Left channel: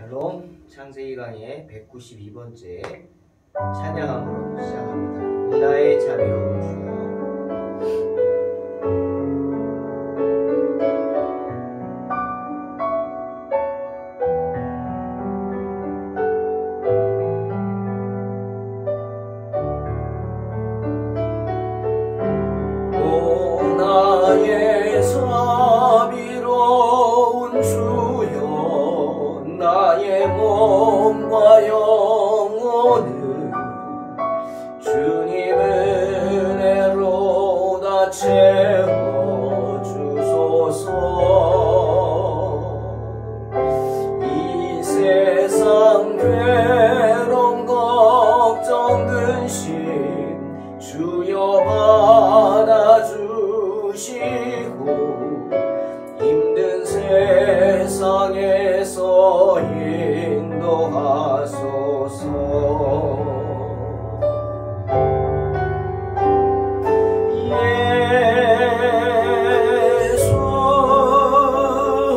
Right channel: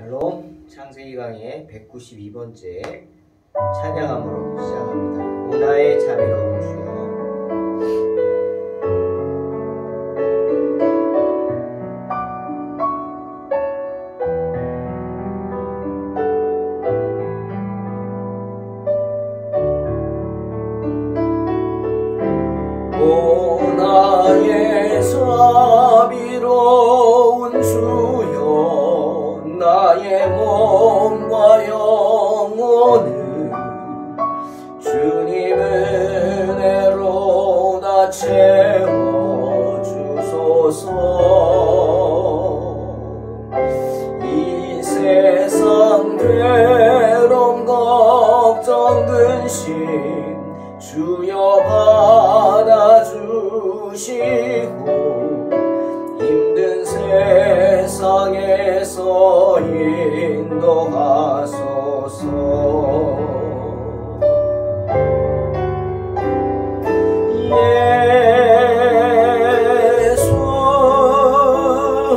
샬롬, 창세기 강의 192번째 찬양함으로 시작합니다. 오나의 자비로운 주여. 오나의 자비로운 주여, 나의 몸과 영혼을 주님 은혜로 다 채워주소서. 이 세상 괴로움 걱정 근심 주여 받아주시고, 힘든 세상에서 인도하소서. 예수,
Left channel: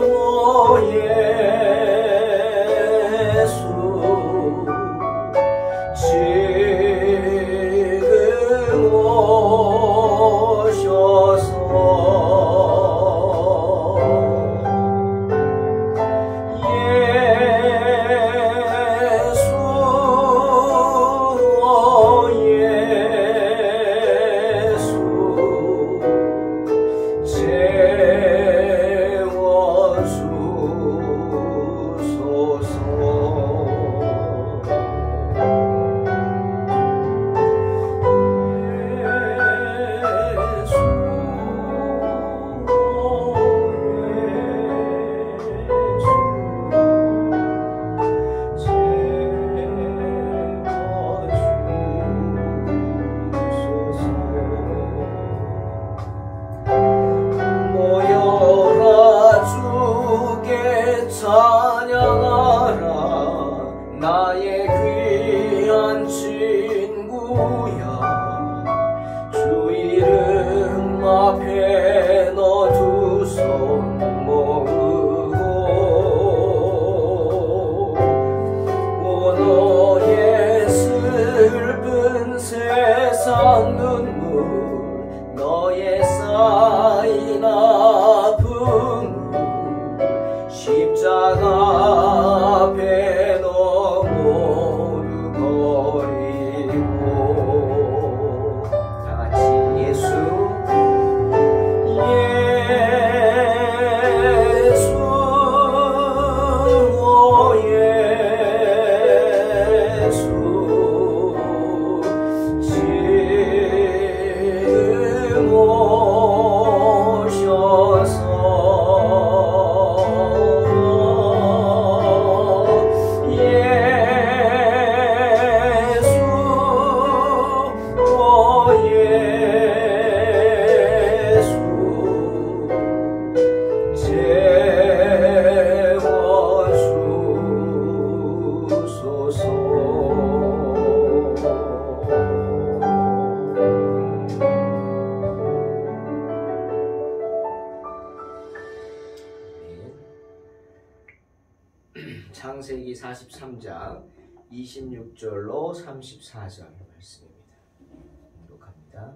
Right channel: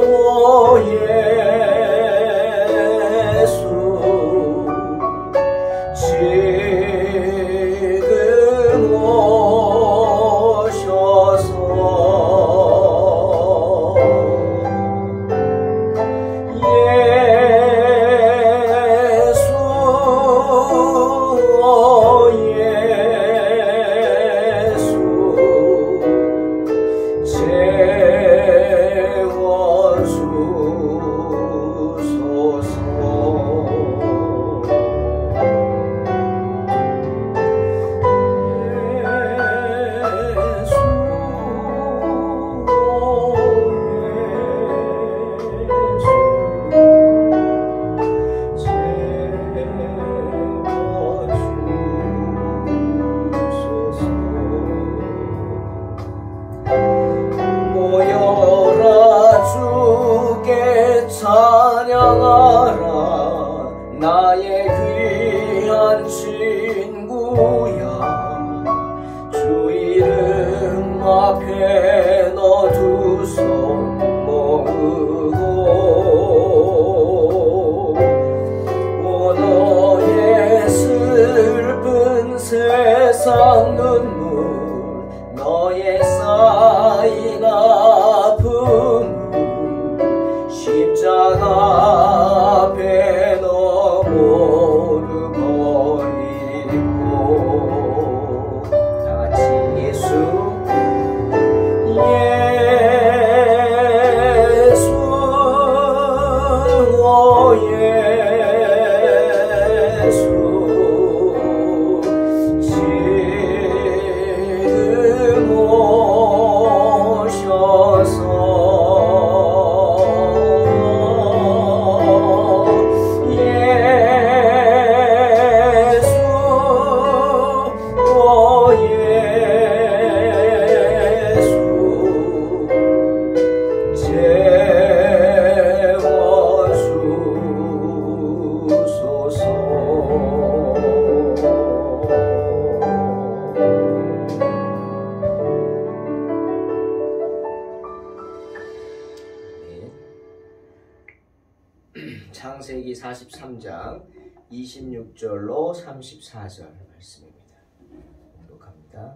오 예수, 지금 오셔서 예수, 오 예수, 모여라 주께 찬양하라. 나의 귀한 친구야, 주 이름 앞에 너 두 손 모으고, 오 너의 슬픈 세상 눈물, 너의 쌓인 아픔, 십자가 앞에 너 모두 버리고. 다같이 예수, 예수, 오 예수, 지금 오셔서 예수, 오 예수, 창세기 43장 26절로 34절 말씀입니다. 공독합니다.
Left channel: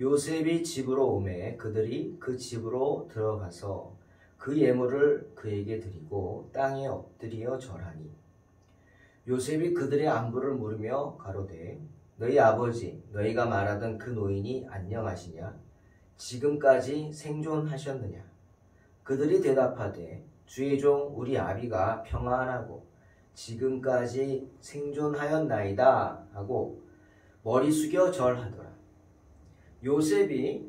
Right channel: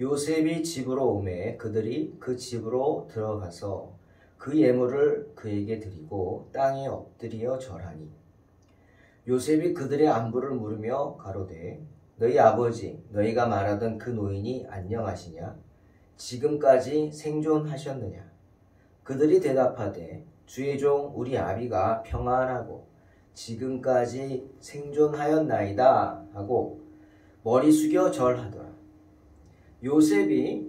요셉이 집으로 오매 그들이 그 집으로 들어가서 그 예물을 그에게 드리고 땅에 엎드려 절하니, 요셉이 그들의 안부를 물으며 가로되, 너희 아버지 너희가 말하던 그 노인이 안녕하시냐? 지금까지 생존하셨느냐? 그들이 대답하되, 주의 종 우리 아비가 평안하고 지금까지 생존하였나이다 하고 머리 숙여 절하더라. 요셉이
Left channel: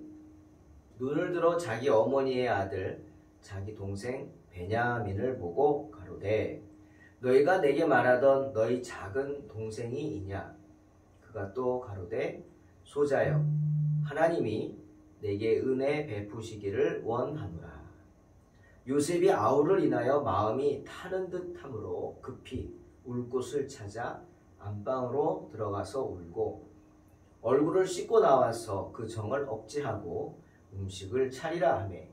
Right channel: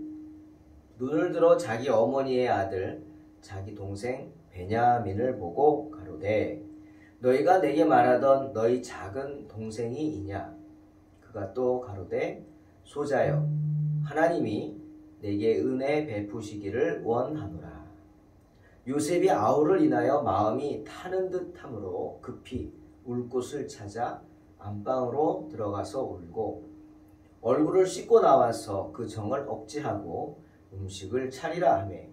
눈을 들어 자기 어머니의 아들 자기 동생 베냐민을 보고 가로되, 너희가 내게 말하던 너희 작은 동생이 이냐? 그가 또 가로되, 소자여, 하나님이 내게 은혜 베푸시기를 원하노라. 요셉이 아우를 인하여 마음이 타는 듯함으로 급히 울 곳을 찾아 안방으로 들어가서 울고, 얼굴을 씻고 나와서 그 정을 억제하고 음식을 차리라 하매,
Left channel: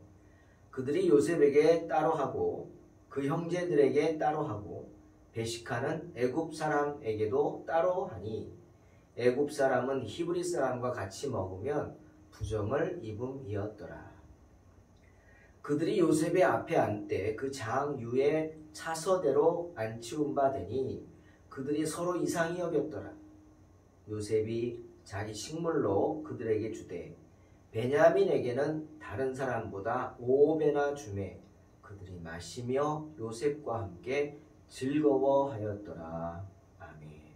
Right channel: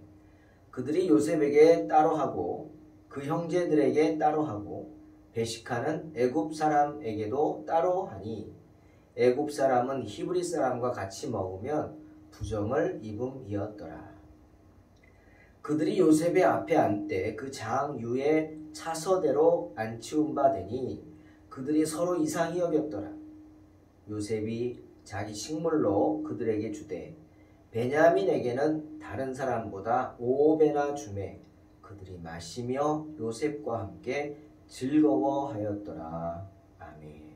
그들이 요셉에게 따로 하고 그 형제들에게 따로 하고 배식하는 애굽 사람에게도 따로 하니 애굽 사람은 히브리 사람과 같이 먹으면 부정을 입음이었더라. 그들이 요셉의 앞에 앉되 그 장 위에 차서대로 앉히운 바 되니 그들이 서로 이상히 여겼더라. 요셉이 자기 식물로 그들에게 주되 베냐민에게는 다른 사람보다 5배나 주매 그들이 마시며 요셉과 함께 즐거워하였더라. 아멘.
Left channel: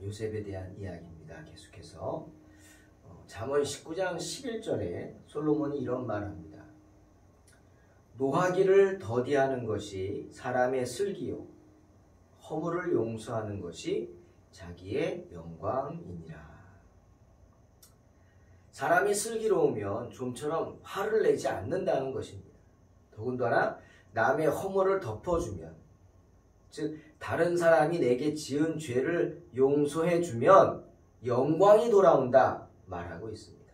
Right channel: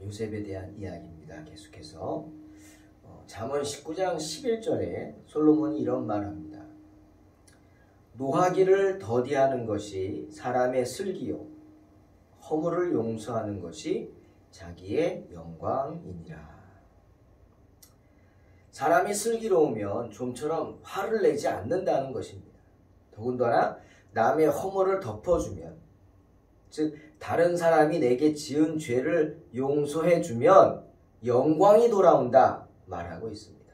요셉에 대한 이야기입니다. 계속해서 잠언 19장 11절에 솔로몬이 이런 말을 합니다. 노하기를 더디하는 것이 사람의 슬기요 허물을 용서하는 것이 자기의 영광이니라. 사람이 슬기로우면 좀처럼 화를 내지 않는다는 것입니다. 더군다나 남의 허물을 덮어주면, 즉 다른 사람이 내게 지은 죄를 용서해주면 영광이 돌아온다 말하고 있습니다.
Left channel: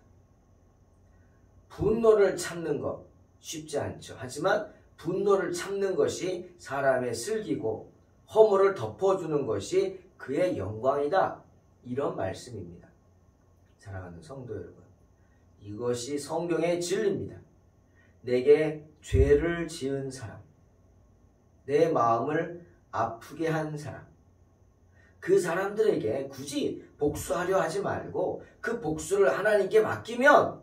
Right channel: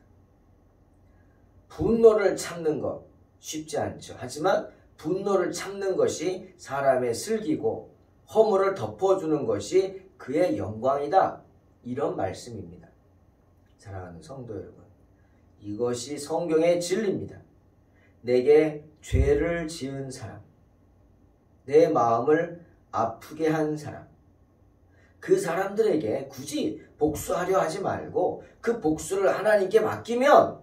분노를 참는 것 쉽지 않죠. 하지만 분노를 참는 것이 사람의 슬기고 허물을 덮어주는 것이 그의 영광이다. 이런 말씀입니다. 사랑하는 성도 여러분, 이것이 성경의 진리입니다. 내게 죄를 지은 사람, 내 마음을 아프게 한 사람, 그 사람들에게 굳이 복수하려 하지 말고 그 복수를 하나님께 맡기면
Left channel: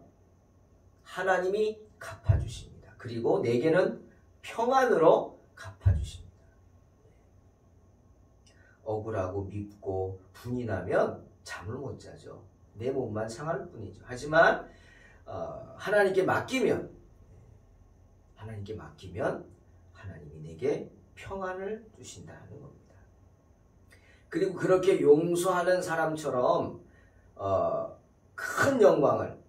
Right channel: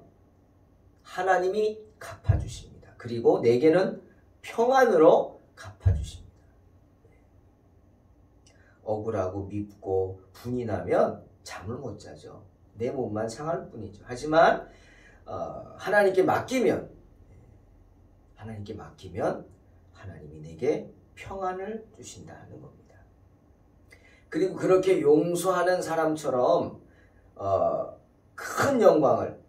하나님이 갚아주십니다. 그리고 내게는 평안으로 갚아주십니다. 억울하고 밉고 분이 나면 잠을 못 자죠. 내 몸만 상할 뿐이죠. 하지만 하나님께 맡기면 하나님이 내게 평안을 주신다는 겁니다. 그리고 그렇게 용서하는 사람처럼 큰 영광을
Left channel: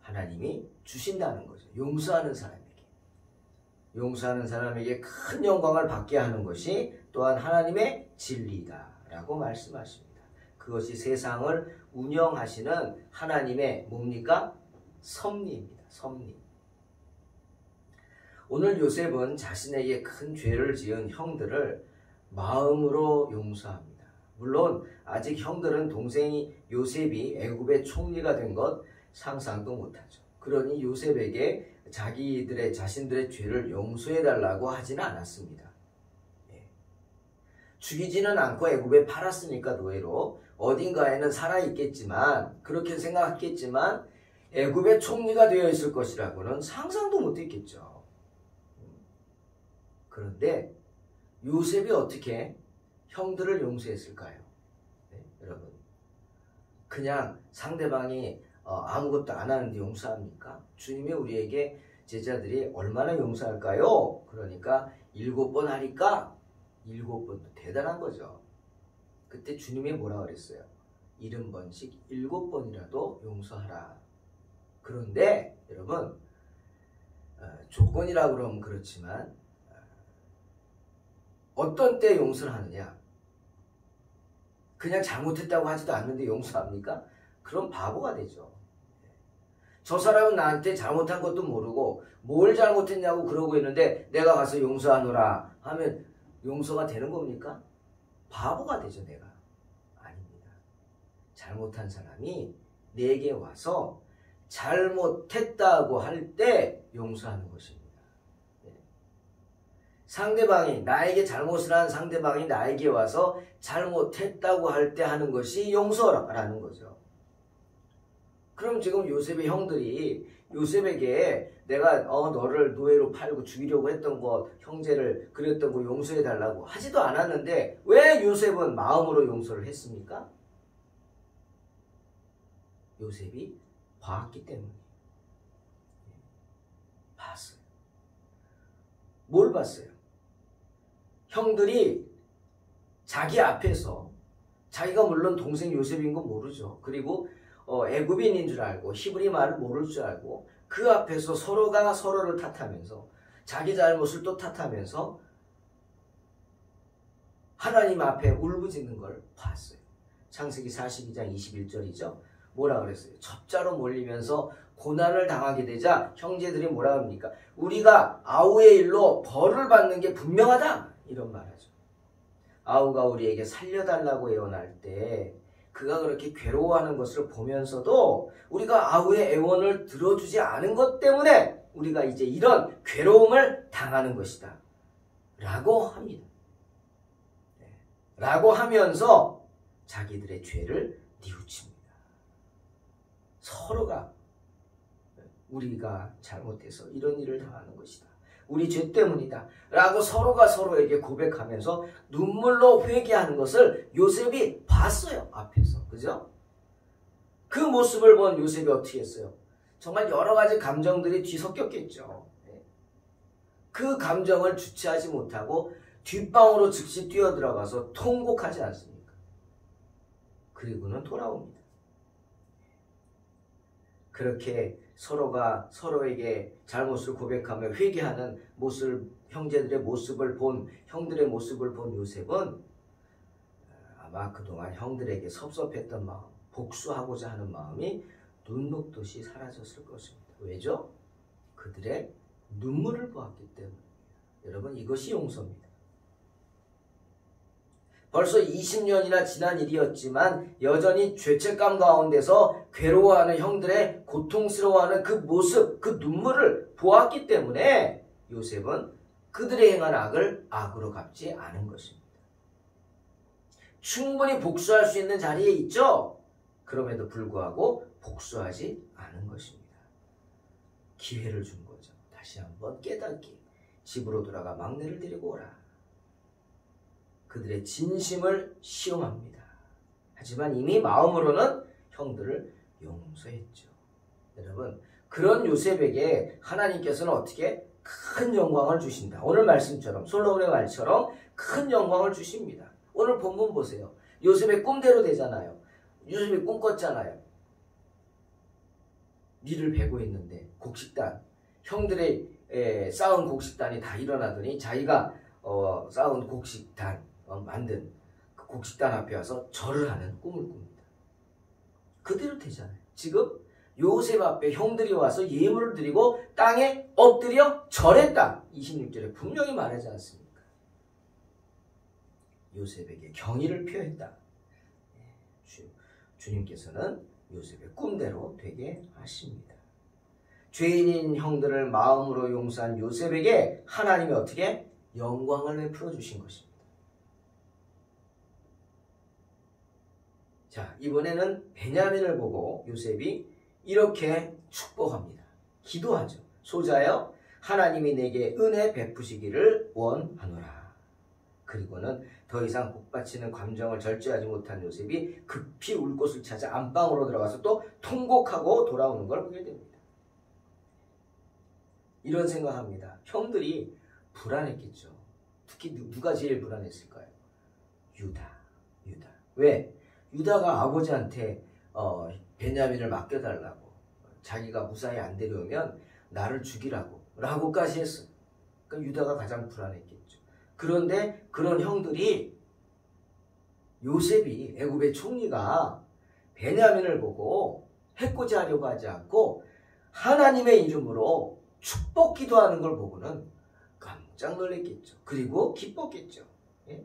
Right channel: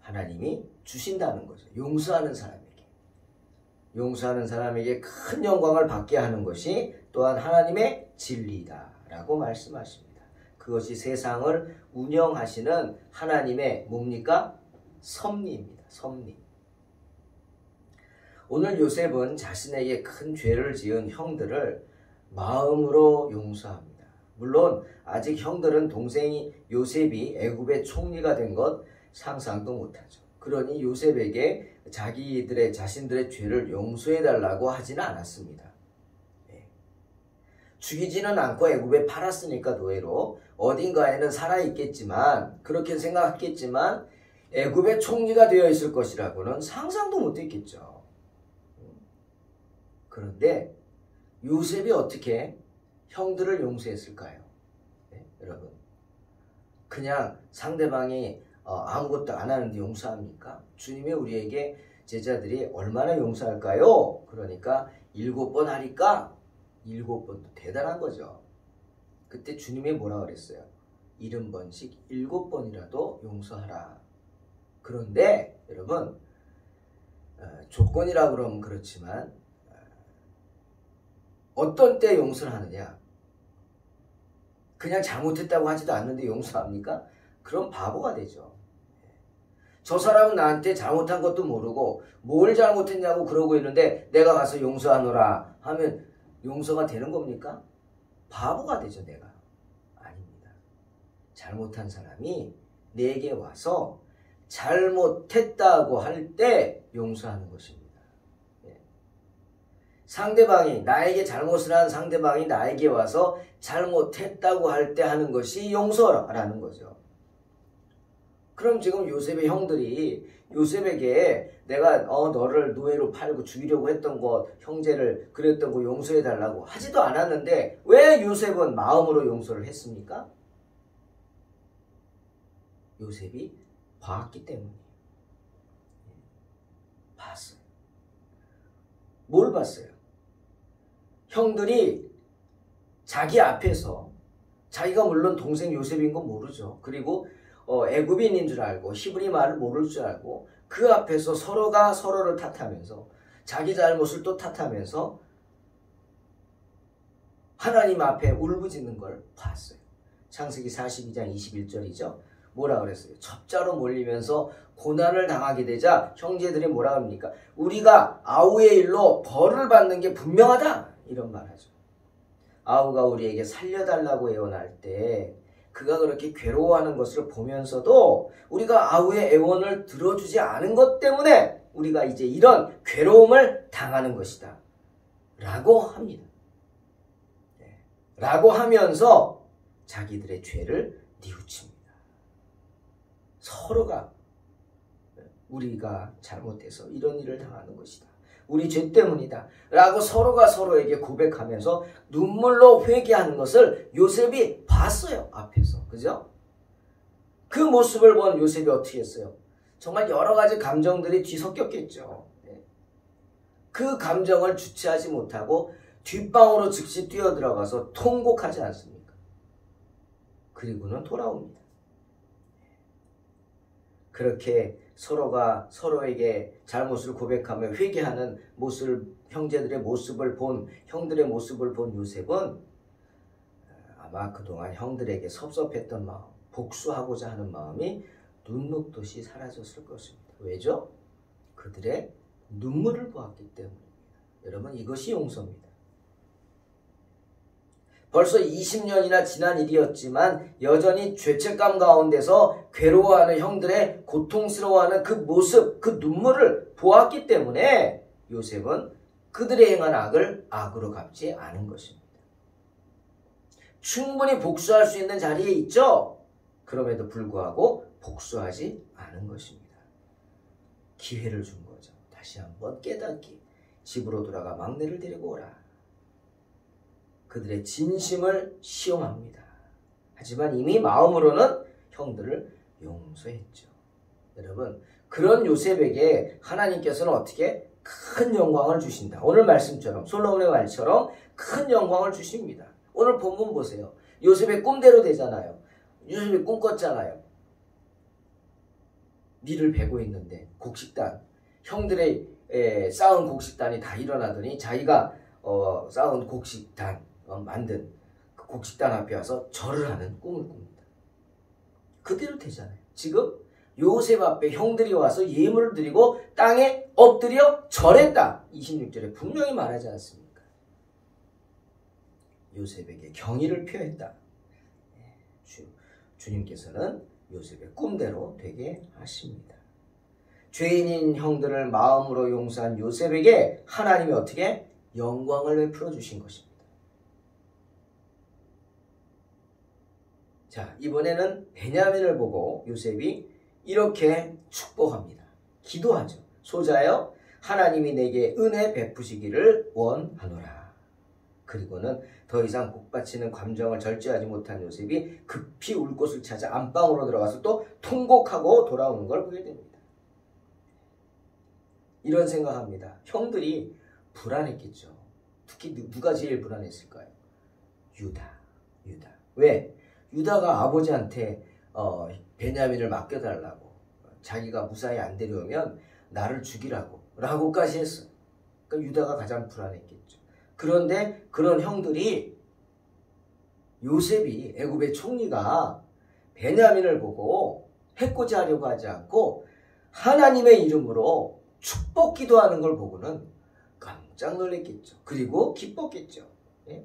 하나님이 주신다는 거죠. 용서하는 사람에게 큰 영광을 받게 하는 것이 또한 하나님의 진리다라고 말씀하십니다. 그것이 세상을 운영하시는 하나님의 뭡니까? 섭리입니다. 섭리. 오늘 요셉은 자신에게 큰 죄를 지은 형들을 마음으로 용서합니다. 물론 아직 형들은 동생이 요셉이 애굽의 총리가 된 것 상상도 못하죠. 그러니 요셉에게 자신들의 죄를 용서해달라고 하지는 않았습니다. 죽이지는 않고 애굽에 팔았으니까 노예로 어딘가에는 살아있겠지만, 그렇게 생각했겠지만 애굽의 총리가 되어 있을 것이라고는 상상도 못했겠죠. 그런데 요셉이 어떻게 형들을 용서했을까요? 여러분, 그냥 상대방이 아무것도 안 하는데 용서합니까? 주님이 우리에게 제자들이 얼마나 용서할까요? 그러니까 7번 하니까 7번도 대단한 거죠. 그때 주님이 뭐라 그랬어요? 70번씩 7번이라도 용서하라. 그런데 여러분, 조건이라고 그러면 그렇지만 어떤 때 용서를 하느냐? 그냥 잘못했다고 하지도 않는데 용서합니까? 그럼 바보가 되죠. 저 사람은 나한테 잘못한 것도 모르고 뭘 잘못했냐고 그러고 있는데 내가 가서 용서하노라 하면 용서가 되는 겁니까? 바보가 되죠. 내가. 아닙니다. 잘못한 사람이 내게 와서 잘못했다고 할 때 용서하는 것입니다. 상대방이, 나에게 잘못을 한 상대방이 나에게 와서 잘못했다고 할 때 하는 것이 용서라는 거죠. 그럼 지금 요셉의 형들이 요셉에게 내가 너를 노예로 팔고 죽이려고 했던 것, 형제를 그랬던 거 용서해달라고 하지도 않았는데 왜 요셉은 마음으로 용서를 했습니까? 요셉이 봤기 때문이에요. 봤어요. 뭘 봤어요? 형들이 자기 앞에서, 자기가 물론 동생 요셉인 건 모르죠. 그리고 애굽인인 줄 알고 히브리 말을 모를 줄 알고 그 앞에서 서로가 서로를 탓하면서 자기 잘못을 또 탓하면서 하나님 앞에 울부짖는 걸 봤어요. 창세기 42장 21절이죠. 뭐라 그랬어요? 첩자로 몰리면서 고난을 당하게 되자 형제들이 뭐라 합니까? 우리가 아우의 일로 벌을 받는 게 분명하다 이런 말하죠. 아우가 우리에게 살려달라고 애원할 때 그가 그렇게 괴로워하는 것을 보면서도 우리가 아우의 애원을 들어주지 않은 것 때문에 우리가 이제 이런 괴로움을 당하는 것이다 라고 합니다. 라고 하면서 자기들의 죄를 뉘우칩니다. 서로가 우리가 잘못해서 이런 일을 당하는 것이다. 우리 죄 때문이다. 라고 서로가 서로에게 고백하면서 눈물로 회개하는 것을 요셉이 봤어요. 앞에서. 그죠? 그 모습을 본 요셉이 어떻게 했어요? 정말 여러 가지 감정들이 뒤섞였겠죠. 그 감정을 주체하지 못하고 뒷방으로 즉시 뛰어들어가서 통곡하지 않습니까? 그리고는 돌아옵니다. 그렇게 서로가 서로에게 잘못을 고백하며 회개하는 모습을, 형제들의 모습을 본, 형들의 모습을 본 요셉은 아마 그동안 형들에게 섭섭했던 마음, 복수하고자 하는 마음이 눈 녹듯이 사라졌을 것입니다. 왜죠? 그들의 눈물을 보았기 때문입니다. 여러분, 이것이 용서입니다. 벌써 20년이나 지난 일이었지만 여전히 죄책감 가운데서 괴로워하는 형들의 고통스러워하는 그 모습, 그 눈물을 보았기 때문에 요셉은 그들의 행한 악을 악으로 갚지 않은 것입니다. 충분히 복수할 수 있는 자리에 있죠? 그럼에도 불구하고 복수하지 않은 것입니다. 기회를 준 거죠. 다시 한번 깨닫기. 집으로 돌아가 막내를 데리고 오라. 그들의 진심을 시험합니다. 하지만 이미 마음으로는 형들을 용서했죠. 여러분, 그런 요셉에게 하나님께서는 어떻게 큰 영광을 주신다. 오늘 말씀처럼, 솔로몬의 말처럼 큰 영광을 주십니다. 오늘 본문 보세요. 요셉의 꿈대로 되잖아요. 요셉이 꿈 꿨잖아요. 밀을 베고 있는데 곡식단, 형들의 쌓은 곡식단이 다 일어나더니 자기가 쌓은 곡식단, 만든 그 곡식단 앞에 와서 절을 하는 꿈을 꿉니다. 그대로 되잖아요. 지금 요셉 앞에 형들이 와서 예물을 드리고 땅에 엎드려 절했다. 26절에 분명히 말하지 않습니까? 요셉에게 경의를 표했다. 주님께서는 요셉의 꿈대로 되게 하십니다. 죄인인 형들을 마음으로 용서한 요셉에게 하나님이 어떻게 영광을 베풀어 주신 것입니다. 자, 이번에는 베냐민을 보고 요셉이 이렇게 축복합니다. 기도하죠. 소자여, 하나님이 내게 은혜 베푸시기를 원하노라. 그리고는 더 이상 복받치는 감정을 절제하지 못한 요셉이 급히 울 곳을 찾아 안방으로 들어가서 또 통곡하고 돌아오는 걸 보게 됩니다. 이런 생각합니다. 형들이 불안했겠죠. 특히 누가 제일 불안했을까요? 유다. 왜? 유다가 아버지한테 베냐민을 맡겨달라고, 자기가 무사히 안 데려오면 나를 죽이라고 라고까지 했어요. 그러니까 유다가 가장 불안했겠죠. 그런데 그런 형들이, 요셉이, 애굽의 총리가 베냐민을 보고 해코지하려고 하지 않고 하나님의 이름으로 축복 기도하는 걸 보고는 깜짝 놀랐겠죠. 그리고 기뻤겠죠. 예?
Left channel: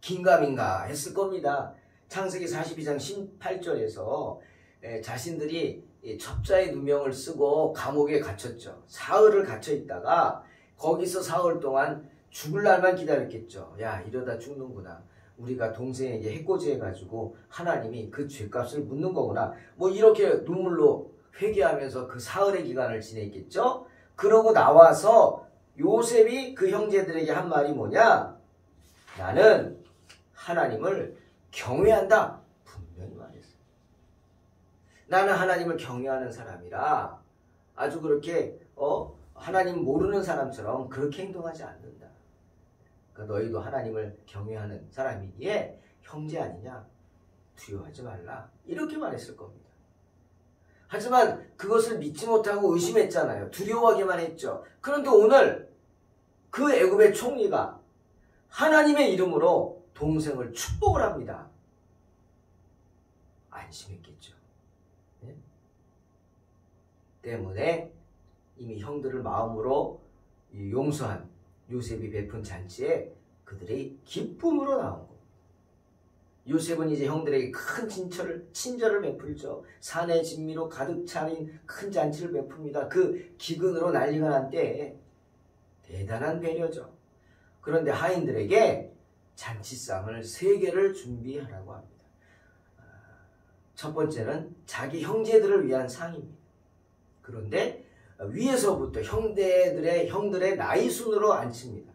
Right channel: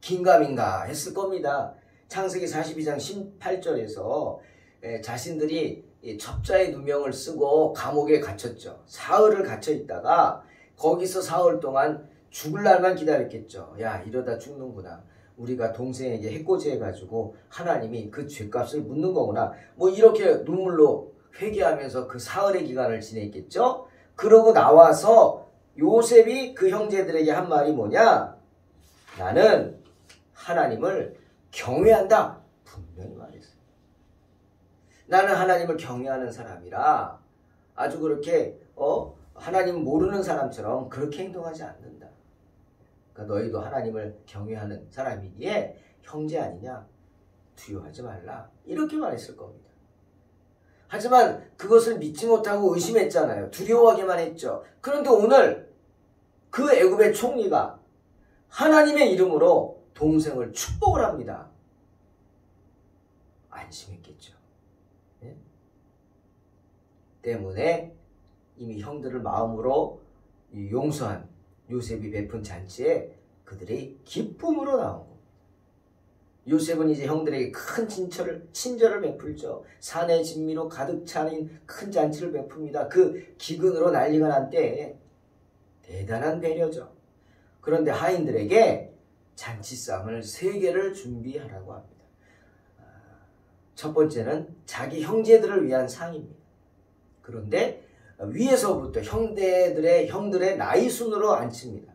긴가민가 했을 겁니다. 창세기 42장 18절에서 자신들이 첩자의 누명을 쓰고 감옥에 갇혔죠. 사흘을 갇혀 있다가 거기서 사흘 동안 죽을 날만 기다렸겠죠. 야, 이러다 죽는구나. 우리가 동생에게 해코지해가지고 하나님이 그 죄값을 묻는 거구나. 뭐 이렇게 눈물로 회개하면서 그 사흘의 기간을 지냈겠죠. 그러고 나와서 요셉이 그 형제들에게 한 말이 뭐냐? 나는 하나님을 경외한다. 분명히 말했어요. 나는 하나님을 경외하는 사람이라 아주 그렇게 하나님 모르는 사람처럼 그렇게 행동하지 않는다. 그러니까 너희도 하나님을 경외하는 사람이기에 형제 아니냐? 두려워하지 말라. 이렇게 말했을 겁니다. 하지만 그것을 믿지 못하고 의심했잖아요. 두려워하기만 했죠. 그런데 오늘 그 애굽의 총리가 하나님의 이름으로 동생을 축복을 합니다. 안심했겠죠. 예? 때문에 이미 형들을 마음으로 용서한 요셉이 베푼 잔치에 그들이 기쁨으로 나온 겁니다. 요셉은 이제 형들에게 큰 친절을 베풀죠. 산의 진미로 가득 차린 큰 잔치를 베풉니다. 그 기근으로 난리가 난 때에 대단한 배려죠. 그런데 하인들에게 잔치상을 3개를 준비하라고 합니다. 첫 번째는 자기 형제들을 위한 상입니다. 그런데 위에서부터 형들의 나이 순으로 앉힙니다.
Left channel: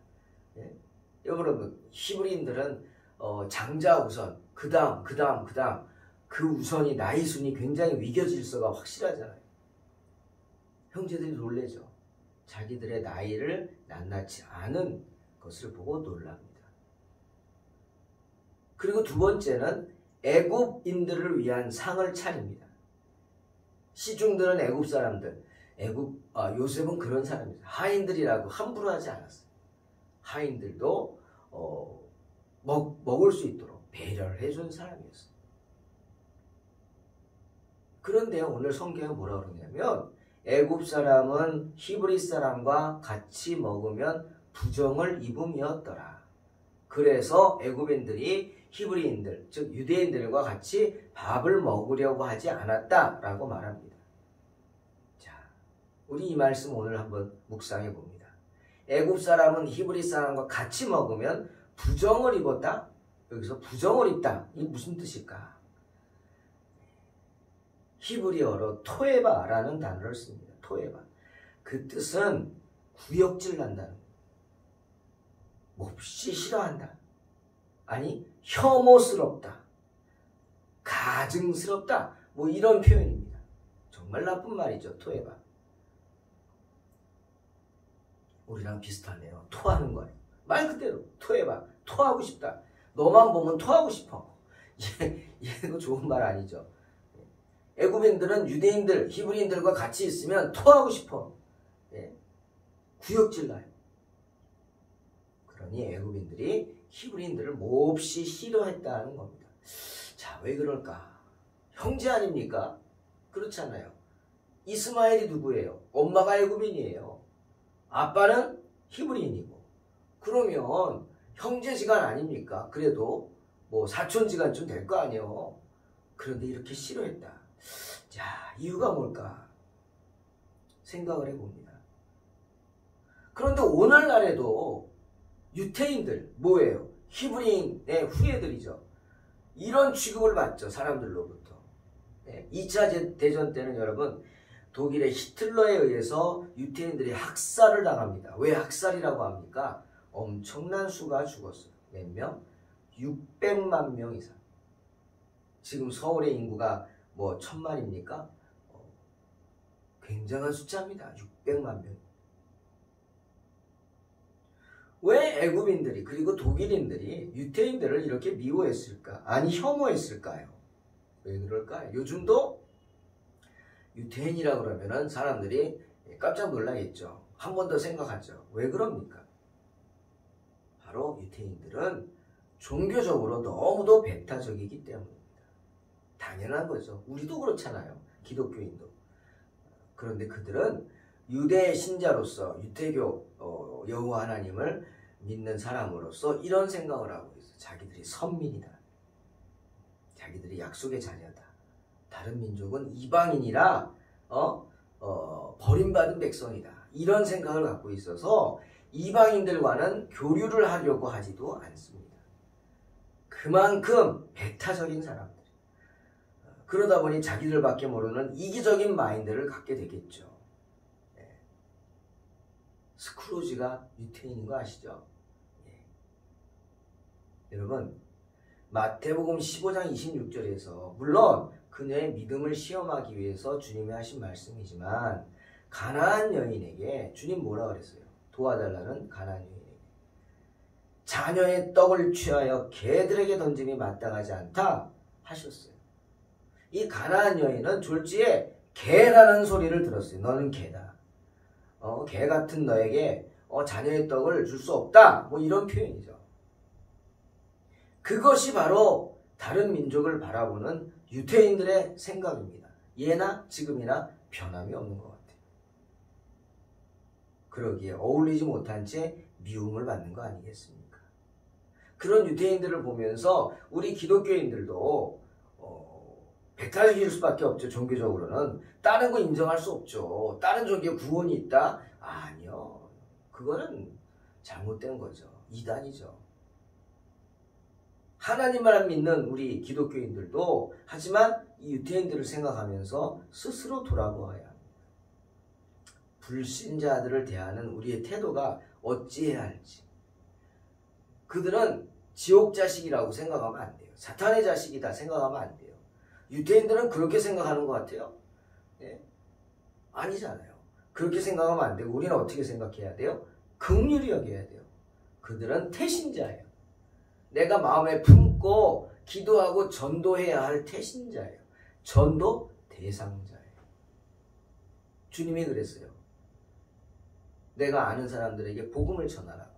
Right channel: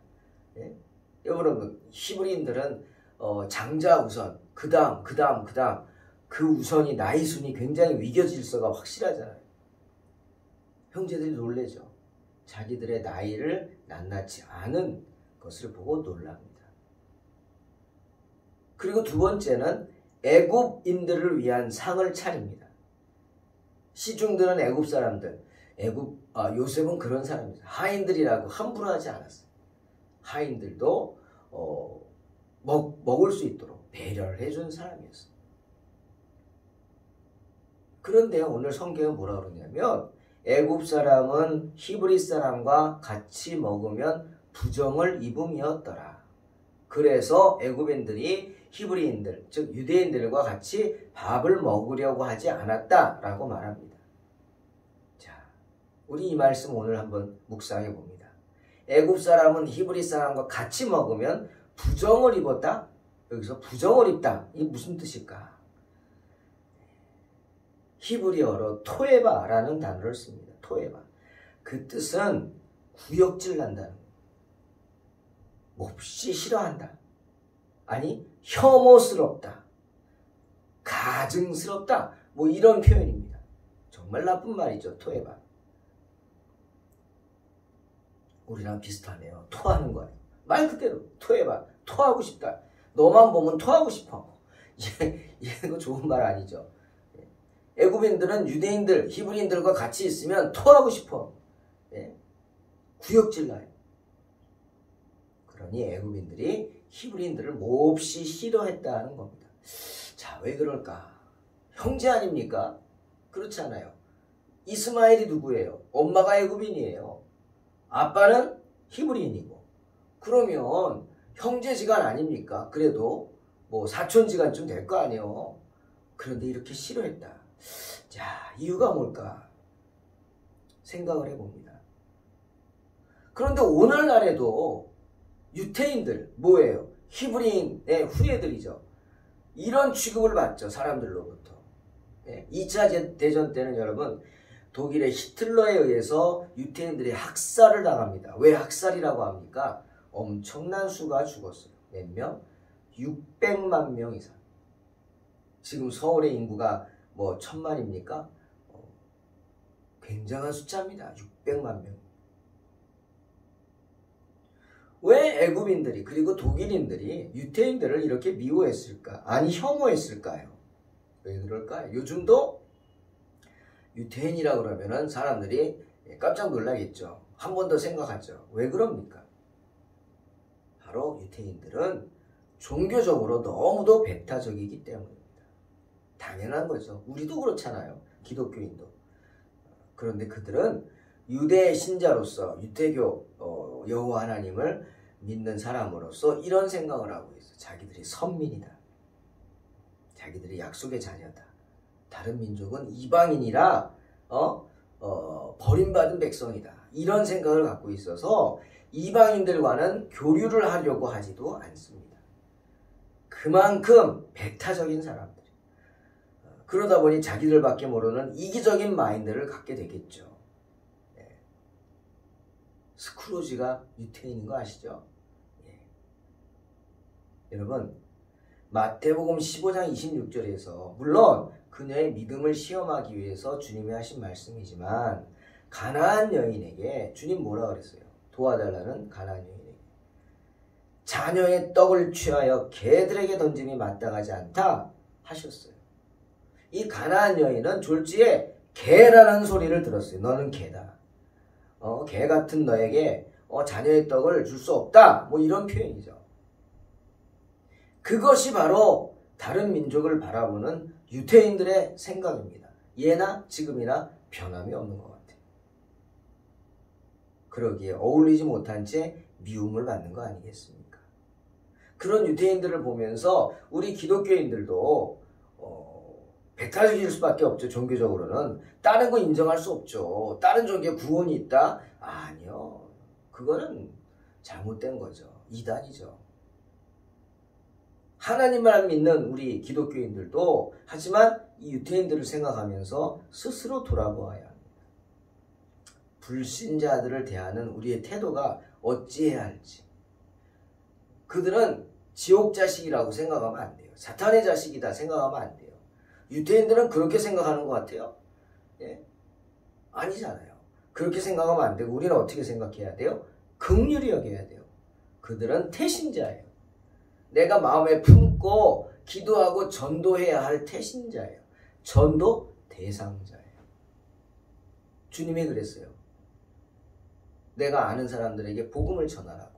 예? 여러분, 히브리인들은 장자 우선, 그 다음 그 우선이 나이 순이 굉장히 위계 질서가 확실하잖아요. 형제들이 놀래죠. 자기들의 나이를 낱낱이 아는 것을 보고 놀랍니다. 그리고 두 번째는 애굽인들을 위한 상을 차립니다. 시중들은 애굽 사람들, 요셉은 그런 사람입니다. 하인들이라고 함부로 하지 않았어요. 하인들도 먹을 수 있도록 배려를 해준 사람이었어요. 그런데 오늘 성경은 뭐라 그러냐면 애굽 사람은 히브리 사람과 같이 먹으면 부정을 입음이었더라. 그래서 애굽인들이 히브리인들, 즉 유대인들과 같이 밥을 먹으려고 하지 않았다라고 말합니다. 자, 우리 이 말씀 오늘 한번 묵상해 봅니다. 애굽 사람은 히브리 사람과 같이 먹으면 부정을 입었다? 여기서 부정을 입다. 이게 무슨 뜻일까? 히브리어로 토에바라는 단어를 씁니다. 토에바. 그 뜻은 구역질 난다는 거. 몹시 싫어한다. 아니, 혐오스럽다. 가증스럽다. 뭐 이런 표현입니다. 정말 나쁜 말이죠. 토에바. 우리랑 비슷하네요. 토하는 거예요. 말 그대로 토해봐. 토하고 싶다. 너만 보면 토하고 싶어. 이거 좋은 말 아니죠. 애굽인들은 유대인들, 히브리인들과 같이 있으면 토하고 싶어. 구역질 나요. 그러니 애굽인들이 히브리인들을 몹시 싫어했다는 겁니다. 자, 왜 그럴까? 형제 아닙니까? 그렇지 않아요. 이스마엘이 누구예요? 엄마가 애굽인이에요. 아빠는 히브리인이고. 그러면 형제지간 아닙니까? 그래도 뭐 사촌지간쯤 될 거 아니에요. 그런데 이렇게 싫어했다. 자, 이유가 뭘까? 생각을 해봅니다. 그런데 오늘날에도 유태인들 뭐예요? 히브리인의 후예들이죠. 이런 취급을 받죠. 사람들로부터. 2차 대전 때는 여러분 독일의 히틀러에 의해서 유태인들이 학살을 당합니다. 왜 학살이라고 합니까? 엄청난 수가 죽었어요. 몇 명? 600만 명 이상. 지금 서울의 인구가 뭐 1000만입니까? 굉장한 숫자입니다. 600만 명. 왜 애굽인들이 그리고 독일인들이 유태인들을 이렇게 미워했을까? 아니 혐오했을까요? 왜 그럴까요? 요즘도 유태인이라고 그러면은 사람들이 깜짝 놀라겠죠. 한 번 더 생각하죠. 왜 그럽니까? 바로 유태인들은 종교적으로 너무도 배타적이기 때문입니다. 당연한 거죠. 우리도 그렇잖아요. 기독교인도. 그런데 그들은 유대 신자로서 유대교 여호와 하나님을 믿는 사람으로서 이런 생각을 하고 있어요. 자기들이 선민이다. 자기들이 약속의 자녀다. 다른 민족은 이방인이라 버림받은 백성이다. 이런 생각을 갖고 있어서 이방인들과는 교류를 하려고 하지도 않습니다. 그만큼 배타적인 사람들. 그러다 보니 자기들밖에 모르는 이기적인 마인드를 갖게 되겠죠. 스크루지가 유태인인 거 아시죠? 여러분, 마태복음 15장 26절에서 물론 그녀의 믿음을 시험하기 위해서 주님이 하신 말씀이지만 가나안 여인에게 주님 뭐라 그랬어요? 도와달라는 가나안 여인에게 자녀의 떡을 취하여 개들에게 던짐이 마땅하지 않다 하셨어요. 이 가나안 여인은 졸지에 개라는 소리를 들었어요. 너는 개다. 개 같은 너에게 자녀의 떡을 줄 수 없다. 뭐 이런 표현이죠. 그것이 바로 다른 민족을 바라보는 유태인들의 생각입니다. 예나 지금이나 변함이 없는 것 같아요. 그러기에 어울리지 못한 채 미움을 받는 거 아니겠습니까? 그런 유대인들을 보면서 우리 기독교인들도 배타적일 수밖에 없죠. 종교적으로는 다른 거 인정할 수 없죠. 다른 종교에 구원이 있다? 아니요. 그거는 잘못된 거죠. 이단이죠. 하나님만 믿는 우리 기독교인들도 하지만 이 유대인들을 생각하면서 스스로 돌아보아야 합니다. 불신자들을 대하는 우리의 태도가 어찌해야 할지. 그들은 지옥 자식이라고 생각하면 안 돼요. 사탄의 자식이다 생각하면 안 돼요. 유대인들은 그렇게 생각하는 것 같아요. 예? 아니잖아요. 그렇게 생각하면 안 되고 우리는 어떻게 생각해야 돼요? 긍휼히 여겨야 돼요. 그들은 태신자예요. 내가 마음에 품고 기도하고 전도해야 할 태신자예요. 전도 대상자예요. 주님이 그랬어요. 내가 아는 사람들에게 복음을 전하라고.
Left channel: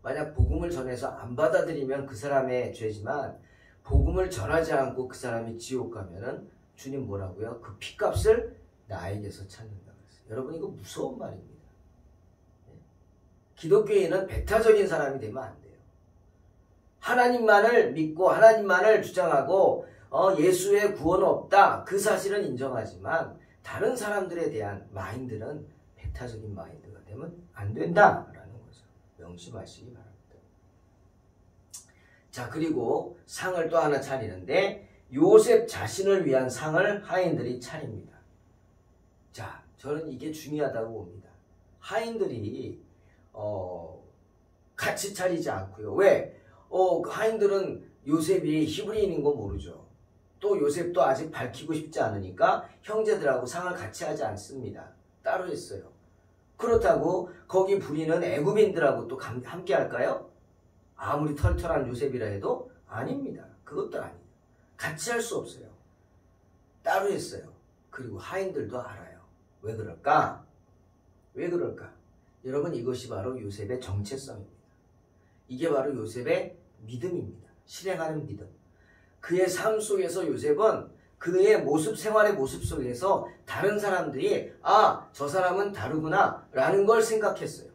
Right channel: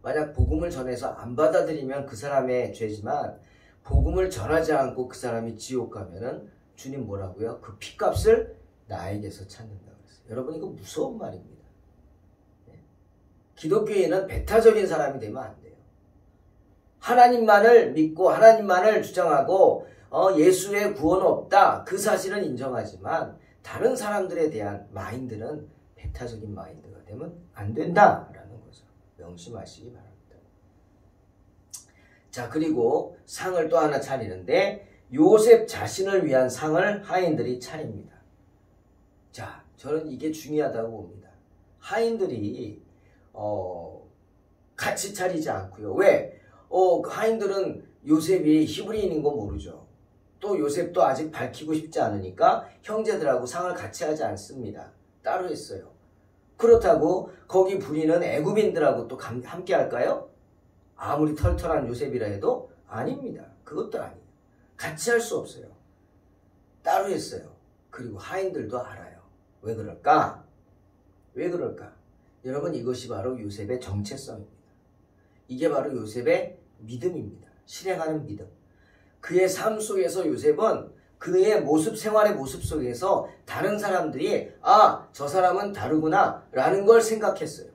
만약 복음을 전해서 안 받아들이면 그 사람의 죄지만 복음을 전하지 않고 그 사람이 지옥 가면은 주님 뭐라고요? 그 핏값을 나에게서 찾는다고 했어요. 여러분 이거 무서운 말입니다. 기독교인은 배타적인 사람이 되면 안 돼요. 하나님만을 믿고 하나님만을 주장하고 예수의 구원은 없다. 그 사실은 인정하지만 다른 사람들에 대한 마인드는 배타적인 마인드가 되면 안 된다라는 거죠. 명심하시기 바랍니다. 자, 그리고 상을 또 하나 차리는데 요셉 자신을 위한 상을 하인들이 차립니다. 자, 저는 이게 중요하다고 봅니다. 하인들이 같이 차리지 않고요. 왜? 하인들은 요셉이 히브리인인 거 모르죠. 또 요셉도 아직 밝히고 싶지 않으니까 형제들하고 상을 같이 하지 않습니다. 따로 했어요. 그렇다고 거기 부리는 애굽인들하고 또 함께 할까요? 아무리 털털한 요셉이라 해도 아닙니다. 그것도 아니에요. 같이 할 수 없어요. 따로 했어요. 그리고 하인들도 알아요. 왜 그럴까? 왜 그럴까? 여러분 이것이 바로 요셉의 정체성입니다. 이게 바로 요셉의 믿음입니다. 실행하는 믿음. 그의 삶 속에서 요셉은 그의 모습, 생활의 모습 속에서 다른 사람들이 저 사람은 다르구나 라는 걸 생각했어요.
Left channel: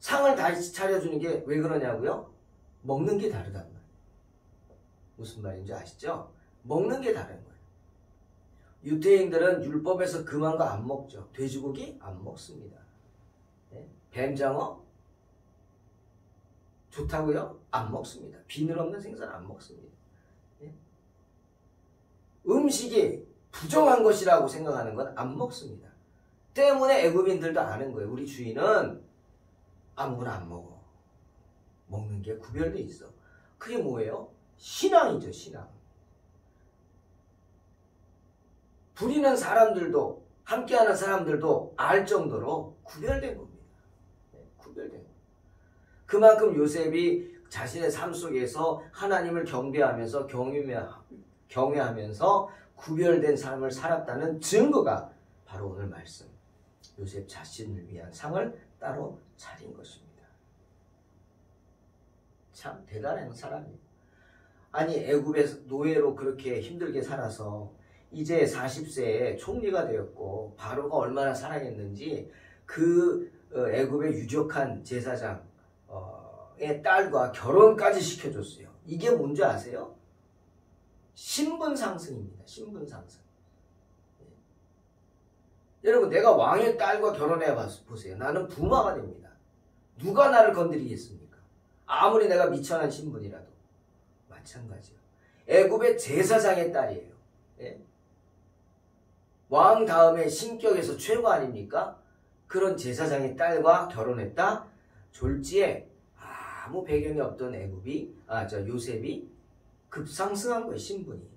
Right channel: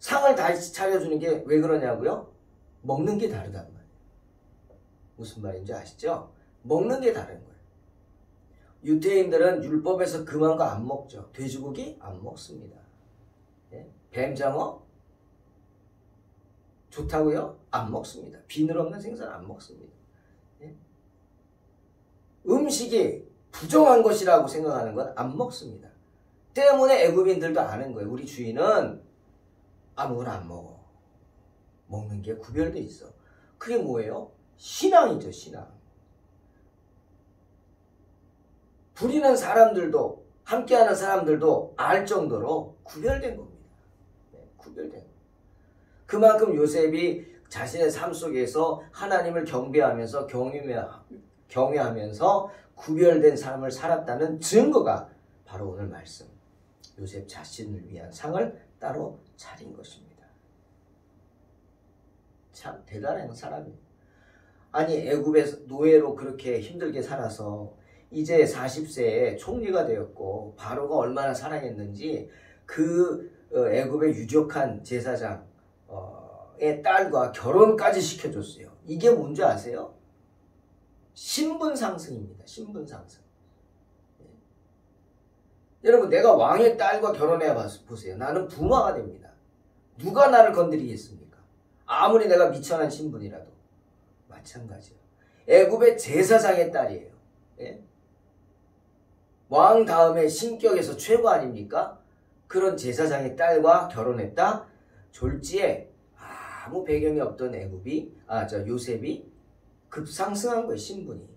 상을 다시 차려주는 게 왜 그러냐고요? 먹는 게 다르단 말이에요. 무슨 말인지 아시죠? 먹는 게 다른 거예요. 유대인들은 율법에서 금한 거 안 먹죠. 돼지고기 안 먹습니다. 뱀장어 좋다고요? 안 먹습니다. 비늘 없는 생선 안 먹습니다. 음식이 부정한 것이라고 생각하는 건 안 먹습니다. 때문에 애굽인들도 아는 거예요. 우리 주인은 아무거나 안 먹어. 먹는 게 구별돼 있어. 그게 뭐예요? 신앙이죠, 신앙. 부리는 사람들도 함께하는 사람들도 알 정도로 구별된 겁니다. 구별된 겁니다. 그만큼 요셉이 자신의 삶 속에서 하나님을 경배하면서 경외하면서 구별된 삶을 살았다는 증거가 바로 오늘 말씀. 요셉 자신을 위한 상을 따로 차린 것입니다. 참 대단한 사람이에요. 아니 애굽의 노예로 그렇게 힘들게 살아서 이제 40세에 총리가 되었고 바로가 얼마나 사랑했는지 그 애굽의 유력한 제사장의 딸과 결혼까지 시켜줬어요. 이게 뭔지 아세요? 신분 상승입니다. 신분 상승. 여러분 내가 왕의 딸과 결혼해 보세요. 나는 부마가 됩니다. 누가 나를 건드리겠습니까? 아무리 내가 미천한 신분이라도. 마찬가지예요. 애굽의 제사장의 딸이에요. 예? 왕 다음에 신격에서 최고 아닙니까? 그런 제사장의 딸과 결혼했다. 졸지에 아무 배경이 없던 요셉이 급상승한 거예요. 신분이.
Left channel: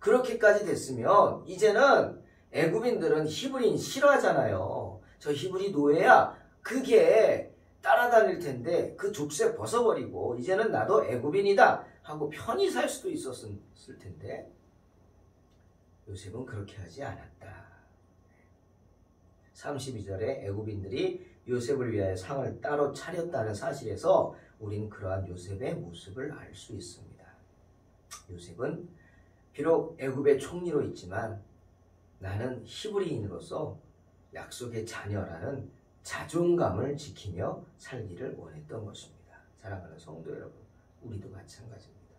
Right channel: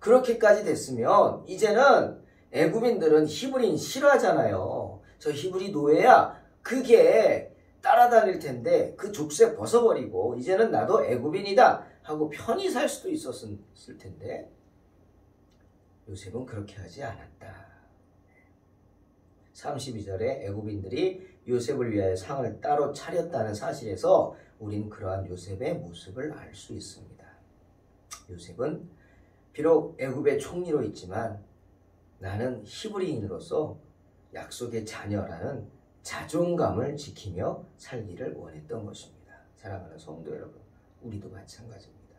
그렇게까지 됐으면 이제는 애굽인들은 히브리인 싫어하잖아요. 저 히브리 노예야. 그게 따라다닐 텐데 그 족쇄 벗어버리고 이제는 나도 애굽인이다 하고 편히 살 수도 있었을 텐데 요셉은 그렇게 하지 않았다. 32절에 애굽인들이 요셉을 위하여 상을 따로 차렸다는 사실에서 우린 그러한 요셉의 모습을 알 수 있습니다. 요셉은 비록 애굽의 총리로 있지만 나는 히브리인으로서 약속의 자녀라는 자존감을 지키며 살기를 원했던 것입니다. 사랑하는 성도 여러분, 우리도 마찬가지입니다.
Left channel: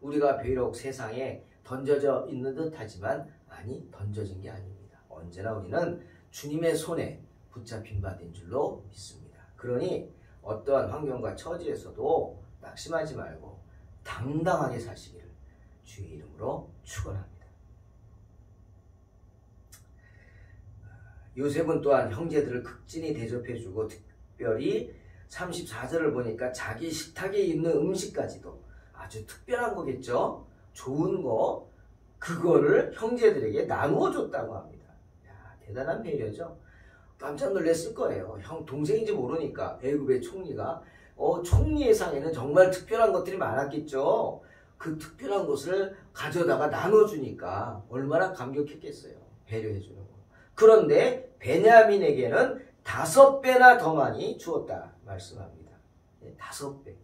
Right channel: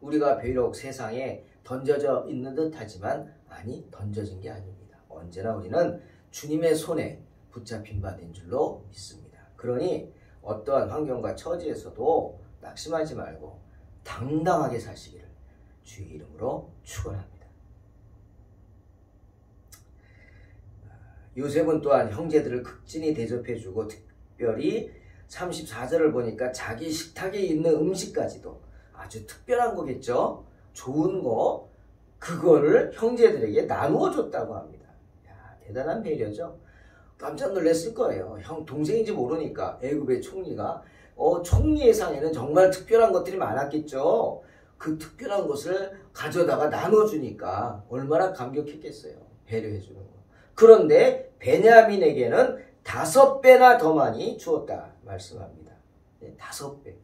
우리가 비록 세상에 던져져 있는 듯하지만 아니, 던져진 게 아닙니다. 언제나 우리는 주님의 손에 붙잡힌 바 된 줄로 믿습니다. 그러니 어떠한 환경과 처지에서도 낙심하지 말고 당당하게 사시기를 주의 이름으로 축원합니다. 요셉은 또한 형제들을 극진히 대접해주고 특별히 34절을 보니까 자기 식탁에 있는 음식까지도 아주 특별한 거겠죠. 좋은 거 그거를 형제들에게 나누어 줬다고 합니다. 야, 대단한 배려죠. 깜짝 놀랐을 거예요. 형 동생인지 모르니까. 애굽의 총리가 총리의 상에는 정말 특별한 것들이 많았겠죠. 그 특별한 것을 가져다가 나눠주니까 얼마나 감격했겠어요. 배려해주는 거. 그런데 베냐민에게는 5배나 더 많이 주었다 말씀합니다. 5배.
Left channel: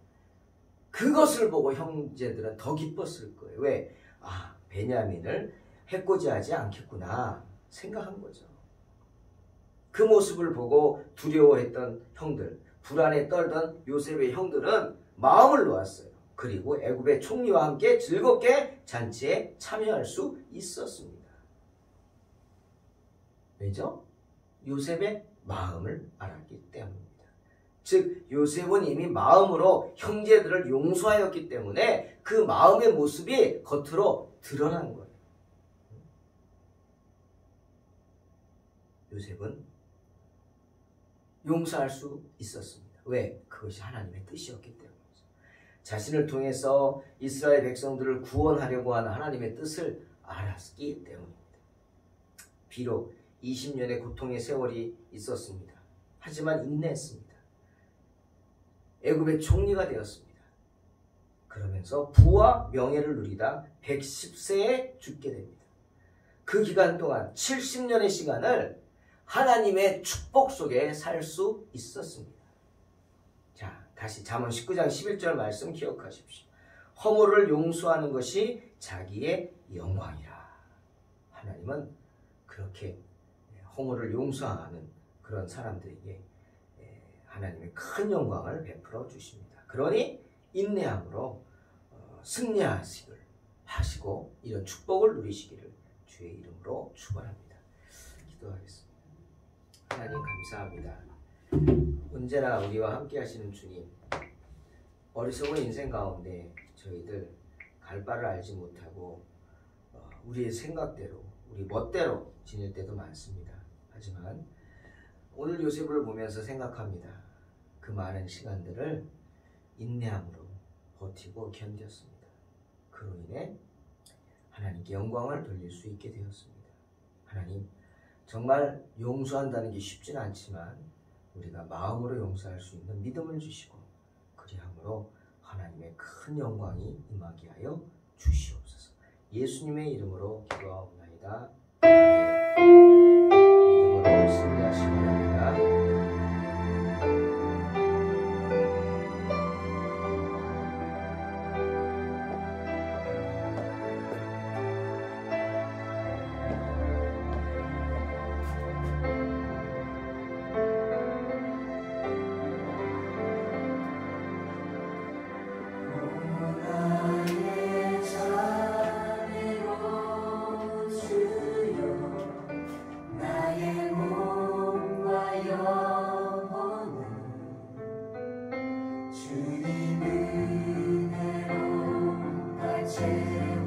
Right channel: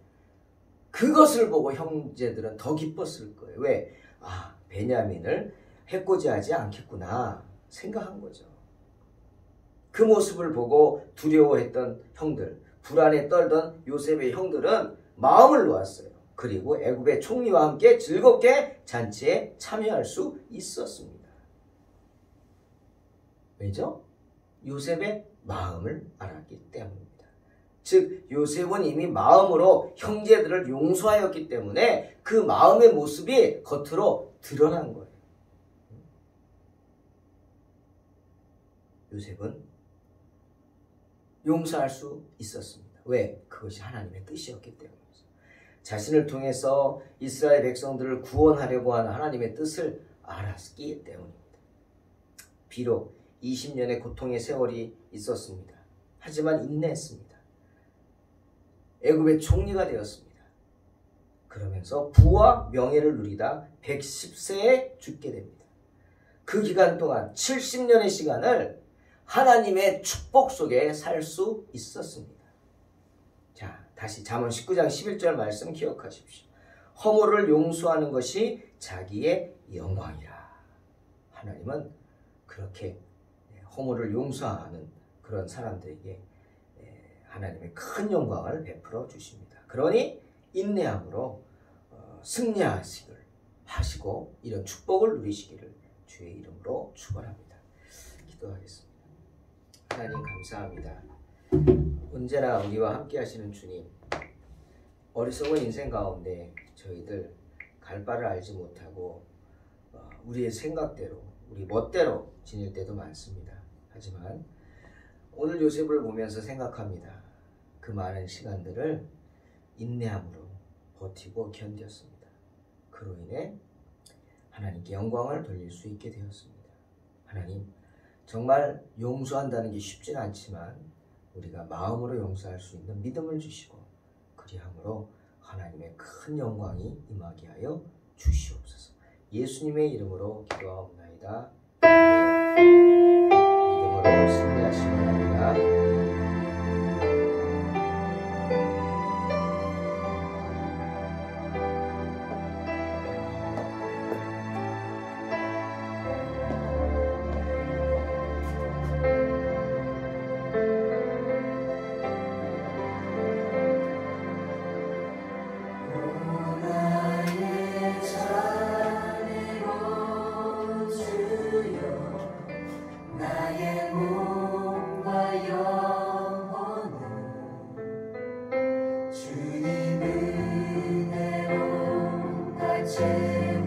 그것을 보고 형제들은 더 기뻤을 거예요. 왜? 아, 베냐민을 해코지하지 않겠구나 생각한 거죠. 그 모습을 보고 두려워했던 형들, 불안에 떨던 요셉의 형들은 마음을 놓았어요. 그리고 애굽의 총리와 함께 즐겁게 잔치에 참여할 수 있었습니다. 왜죠? 요셉의 마음을 알았기 때문입니다. 즉 요셉은 이미 마음으로 형제들을 용서하였기 때문에 그 마음의 모습이 겉으로 드러난 거예요. 요셉은 용서할 수 있었습니다. 왜? 그것이 하나님의 뜻이었기 때문이죠. 자신을 통해서 이스라엘 백성들을 구원하려고 하는 하나님의 뜻을 알았기 때문입니다. 비록 20년의 고통의 세월이 있었습니다. 하지만 인내했습니다. 애굽의 총리가 되었습니다. 그러면서 부와 명예를 누리다 110세에 죽게 됩니다. 그 기간 동안 70년의 시간을 하나님의 축복 속에 살 수 있었습니다. 자, 다시 잠언 19장 11절 말씀 기억하십시오. 허물을 용서하는 것이 자기의 영광이라. 하나님은 그렇게 허물을 용서하는 그런 사람들에게 하나님의 큰 영광을 베풀어 주십니다. 그러니 인내함으로 승리하시고 이런 축복을 누리시기를 주의 이름으로 축원합니다. 기도하겠습니다. 하나님 감사합니다. 언제나 우리와 함께 하시는 주님, 어리석은 인생 가운데 저희들 갈 바를 알지 못하고 우리의 생각대로 우리 멋대로 지낼 때도 많습니다. 하지만 오늘 요셉을 보면서 생각합니다. 그 많은 시간들을 인내함으로 버티고 견뎠습니다. 그로 인해 하나님께 영광을 돌릴 수 있게 되었습니다. 하나님, 정말 용서한다는 게 쉽진 않지만 우리가 마음으로 용서할 수 있는 믿음을 주시고 그리함으로 하나님의 큰 영광이 임하게 하여 주시옵소서. 예수님의 이름으로 기도하옵나이다. 믿음으로 승리하시기 바랍니다. 주님 은혜로 다 채